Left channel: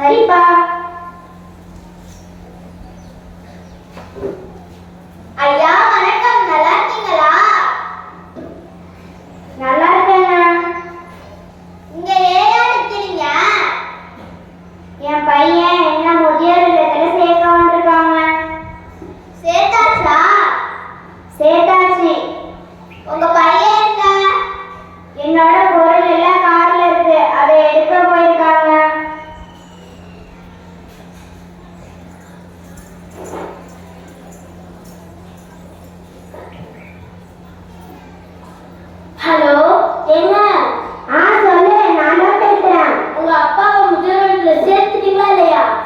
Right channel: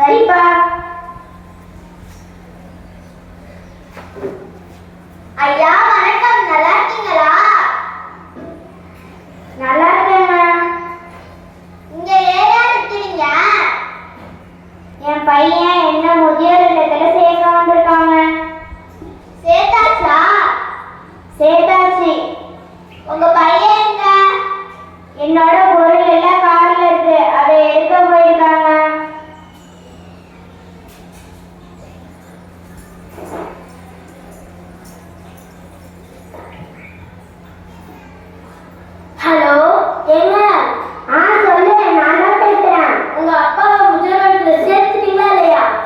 சரிப்பா. ஐயா வணக்கம். நல்லா இருக்கீங்களா? நல்லா இருக்கேங்க. இங்க ஏயா இருக்கிறீங்க என் பையன் என்ன முதியோர் இல்லத்துல சேர்க்க வந்திருக்காங்க. சேர்த்தாச்சா? சேர்த்தாச்சு. உங்க பையன்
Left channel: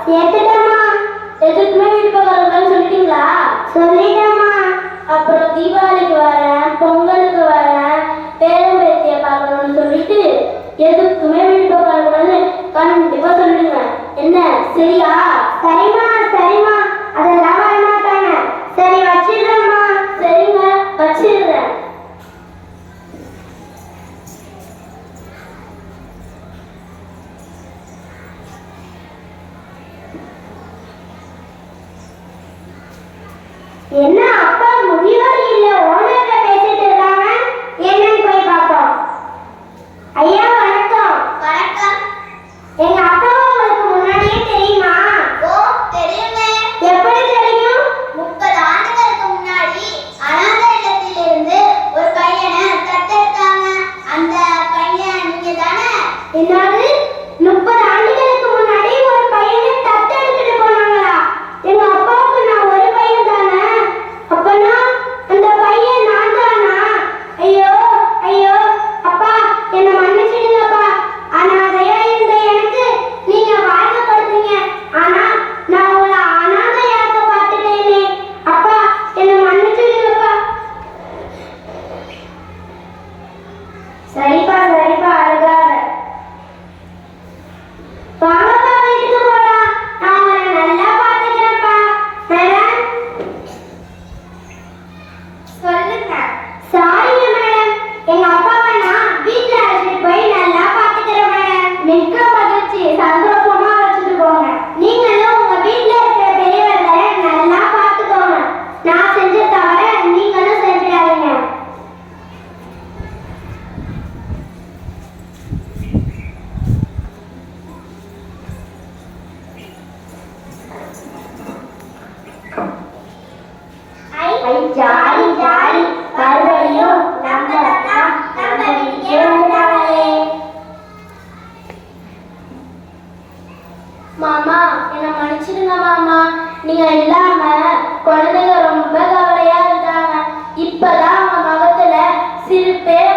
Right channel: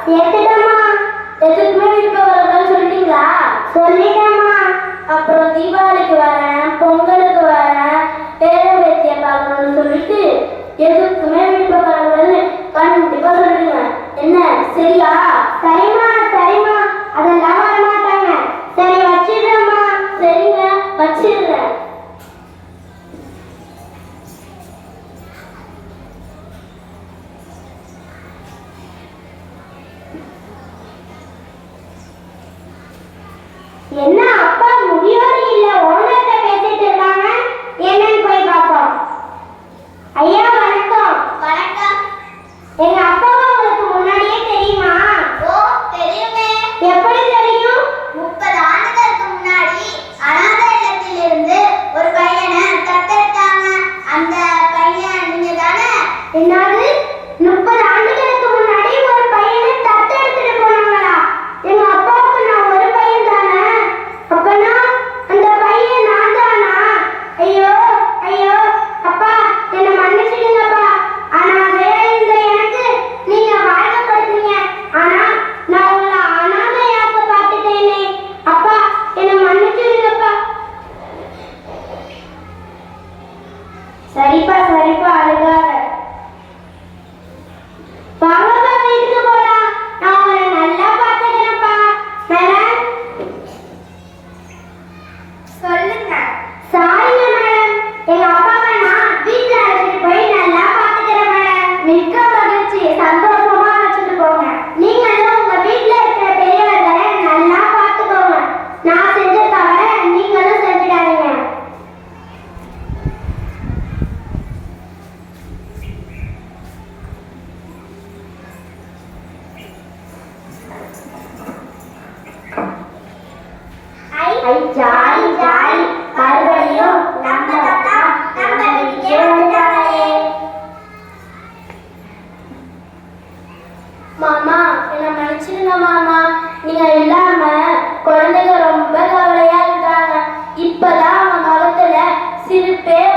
கேட்டுட்டம்மா. எதுக்கு மேல இப்ப வரணும்னு சொல்லிட்டீங்களா? சொல்லிட்டம்மா. அப்புறம் தீபாவளிக்கு வரேன் பொங்கலுக்கு வரேன் பேரம்பேத்திய பார்க்கணும்னு சொல்லிட்டு எதுக்கு 别闹。Họ Silver.